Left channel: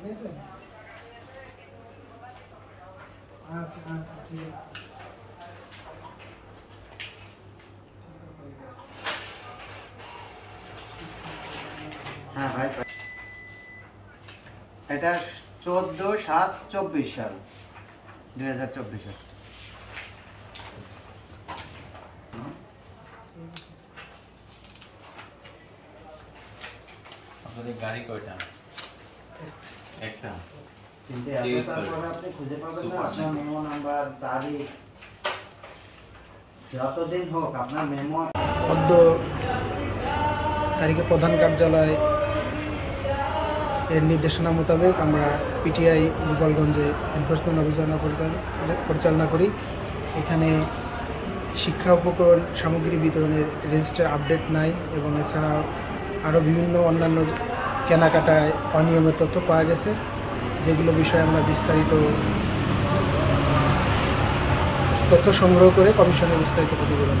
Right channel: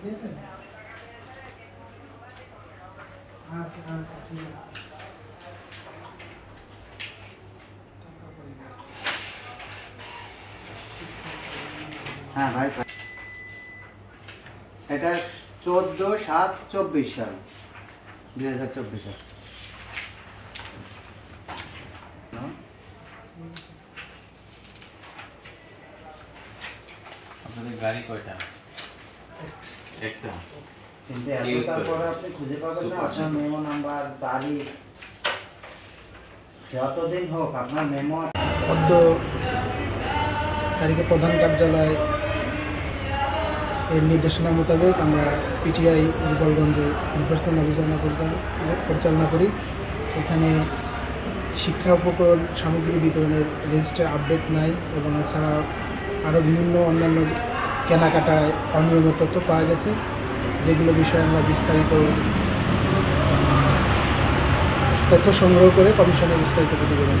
ঠিক আছে? আচ্ছা আচ্ছা ঠিক আছে। হ্যাঁ ভাই, এটা 14/7/24 সাল, 2024 সাল। আপনাদের গাড়ি কয়টা? একটা। কিন্তু এখন তারপরে আপনি খুঁজে পাবেন না আপনার মেমো নাম্বার, তারিখ, যতদিন হোক আপনার মেমো। পদ্ম তারিখে প্রধান কার্যালয় এর নির্দেশনা মোতাবেক আমরা পিটিআই গোপালগঞ্জে এনফোর্সমেন্ট অভিযান পরিচালনা করি। এখানে শিক্ষা উপকরণ সামগ্রী বিতরণের রেজিস্টার আপডেট নাই এবং এছাড়াও আরও বিভিন্ন অন্যান্য কেনাকাটায় অনিয়মের তথ্য পাওয়া গেছে, যেগুলো বিষয়ে আমরা বিস্তারিত তথ্য সংগ্রহ করে কমিশনে বিস্তারিত প্রতিবেদন।